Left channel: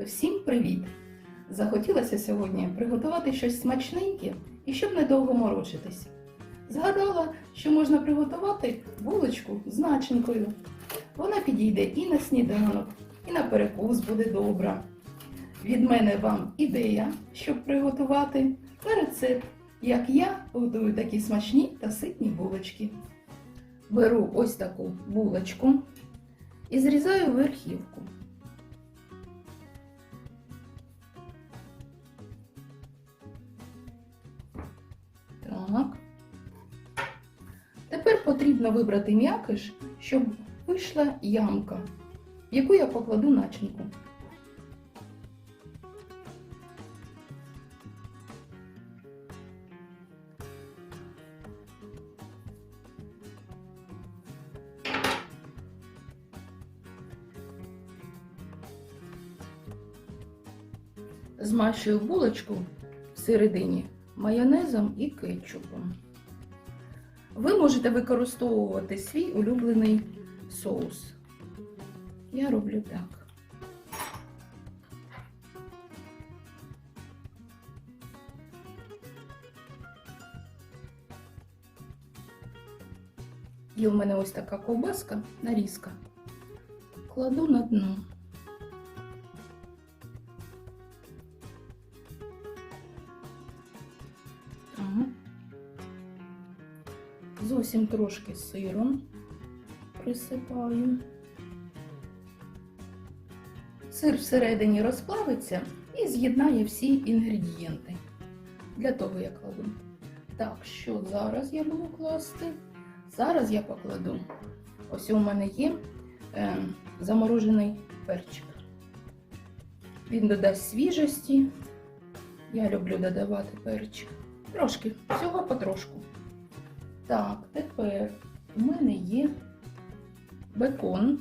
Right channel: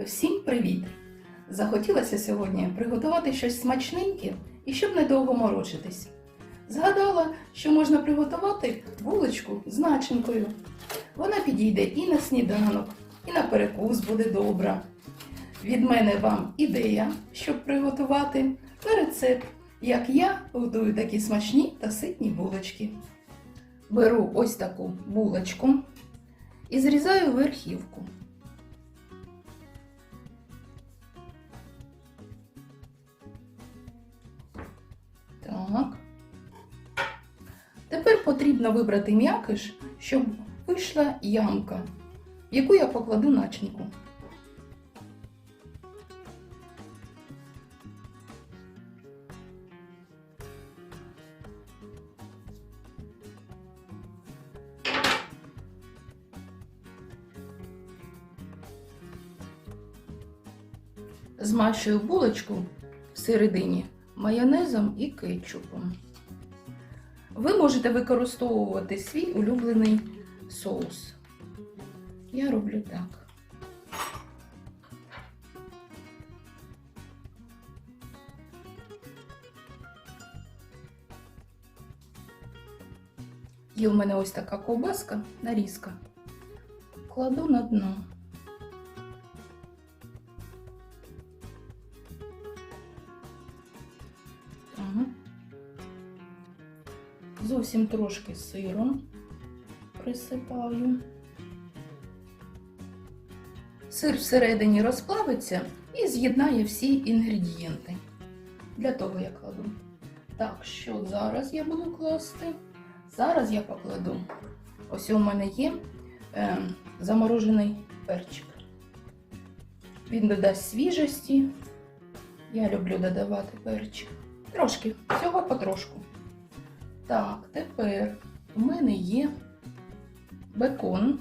Всім привіт! Захотілося сьогодні приготувати щось смачненьке і щоб недовго морочитись. Згадала, що можна приготувати булочку з начинкою. Вона підійде і на сніданок, і на перекус буде добра. Від мене вам ідея, щоб приготувати та рецепт, як я готую такі смачні та ситні булочки. Беру ось таку булочку і зрізаю верхівку. Тепер потрібно вибрати м'якиш, щоб вийшла ямка, в яку я покладу начинку. Змащую булочку всередині майонезом і кетчупом. Ви можете використовувати свій улюблений соус. Я роблю так. І у мене ось така ковбаска, нарізка. Кладу на дно. Зовсім трошки сиру присипаю. Сир всередині розплавиться і з'єднає всі інгредієнти. Для того я кладу. Так, що зараз я буду класти? Зараз я покладу. Ось у мене є е, заморожений перчик. Він додасть свіжості. Я люблю додавати перчик. Трошки, всього потрошку. Так, тепер у мене є бекон.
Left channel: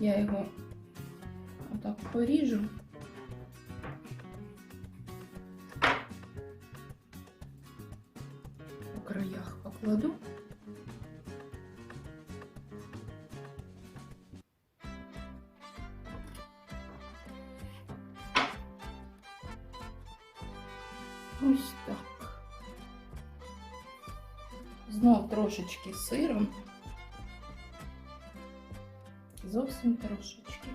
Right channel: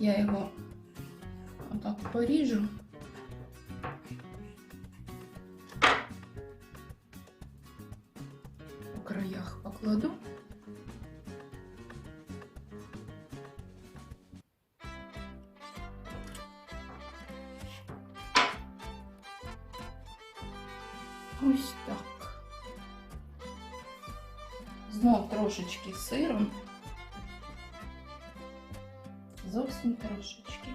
Я його отак поріжу. По краях покладу. Ось так. Знов трошечки сиром. Зовсім трошечки.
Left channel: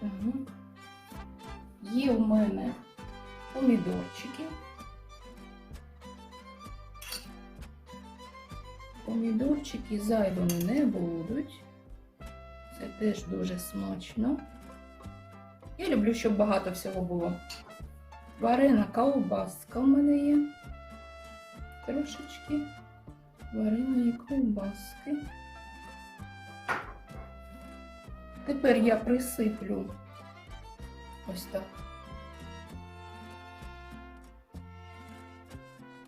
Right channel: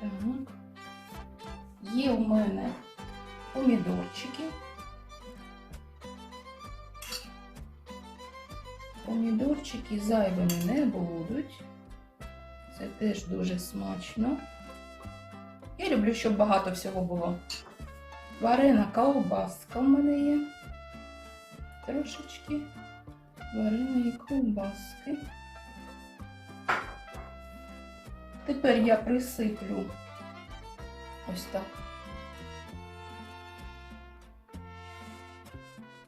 Так. Є у мене помідорчики. Помідорчики зайвими не будуть. Це теж дуже смачно. Я люблю, щоб багато всього було. Варена ковбаска у мене є. Трошечки вареної ковбаски. Тепер я присиплю ось так.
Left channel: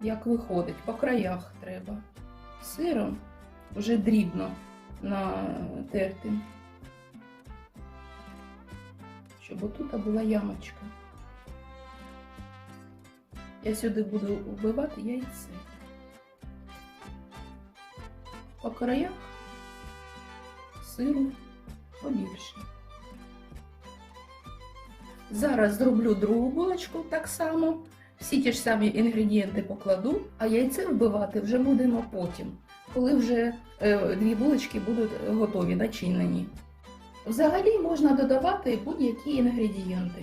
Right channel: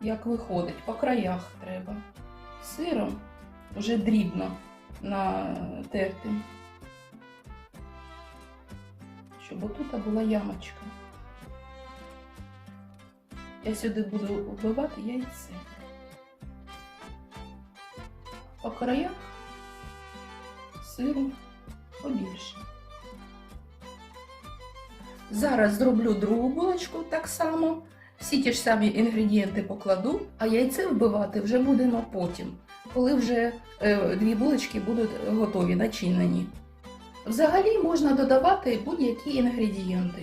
Як виходить, по краях треба. Сиром вже дрібно натертим. Щоб тут була ямочка. Я сюди буду вбивати яйце. По краях сиру побільше. Зараз зроблю другу булочку так само. Всі ті ж самі інгредієнти покладу, а яйце вбивати вже будемо потім, коли вже е, дві булочки будуть готові, начинені. Взагалі можна додавати будь-які інгредієнти:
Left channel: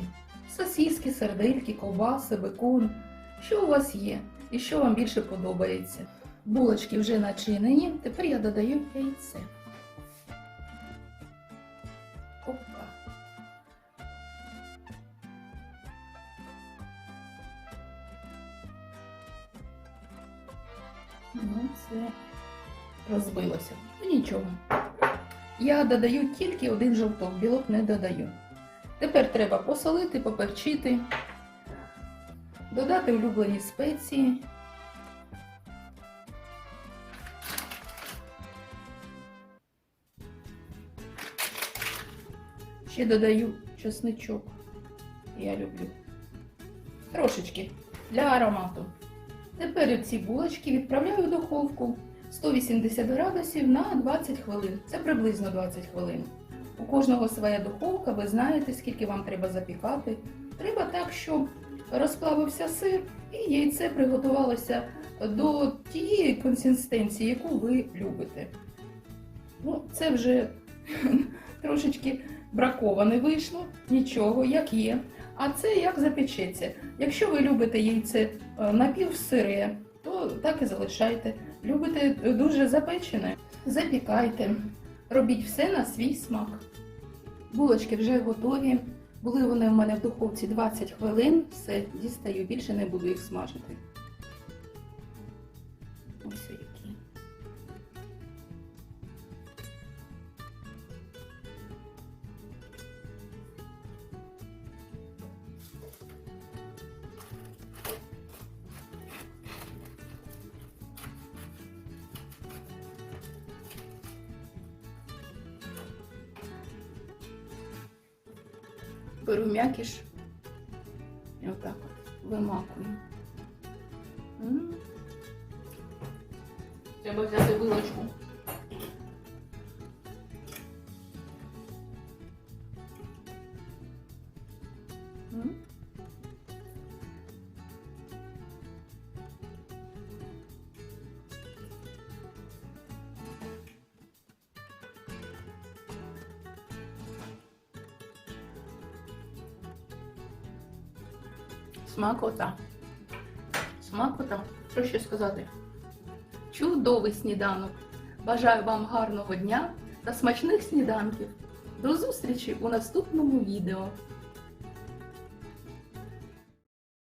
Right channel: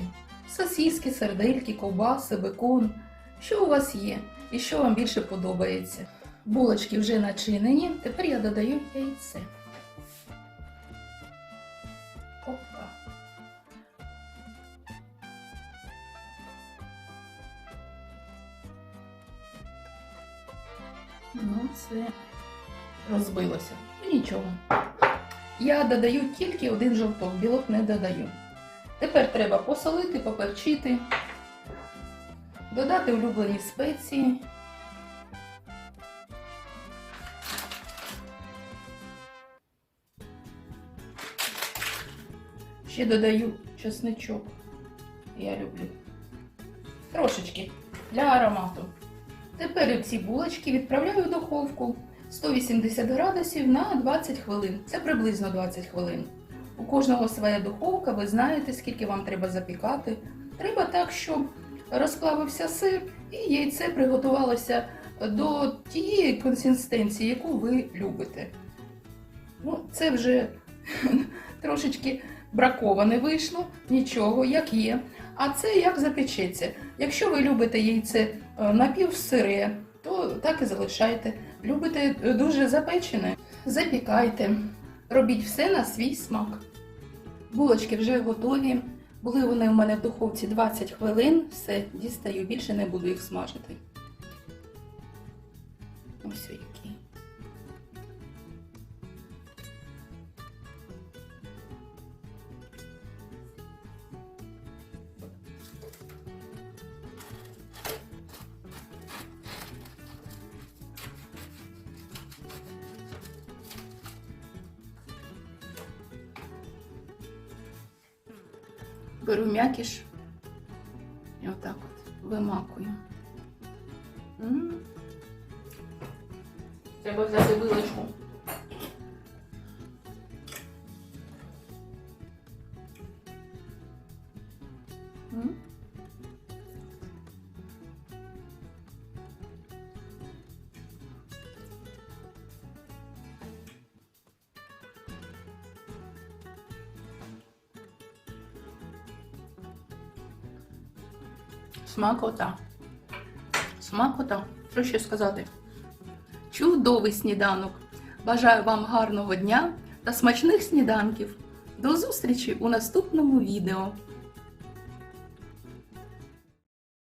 сосиски, сердельки, ковбаси, бекон. Що у вас є і що вам більше подобається? Булочки вже начинені, тепер я додаю яйце. Опа. Ну, це розбилося. Нічого. Я додаю тільки один жовток, білок не додаю. Тепер треба посолити, поперчити, додати улюблені спеції. Ще додаю чесничок. Я люблю. Трошечки для аромату. Тепер ці булочки відправляю в духовку 180 градусів на 20 хвилин. Це приблизно 20 хвилин. У кожного своя духовка, ви знаєте, скільки вам треба запікати. Треба так, щоб розплавився сир і яйце приготувалося до тієї консистенції, яку ви любите. Ну, це вже трошечки браковане вийшло, нічого, як є. А це як запечеться. Якщо ви любите яйце е, напівсире, то так і залишайте. Любите дуже запечене, запікайте. Робіть все на свій смак. Булочки вже готові. Були вони у мене в духовці 20 хвилин. Все, дістаю, більше не буду їх смажити. Беру м'якіш і отак от вимакую. Треба взяти вилочку. Смакота. Смакота. Що ще сказати? Чудовий сніданок. Бажаю вам гарного дня та смачних сніданків. До зустрічі у наступному відео.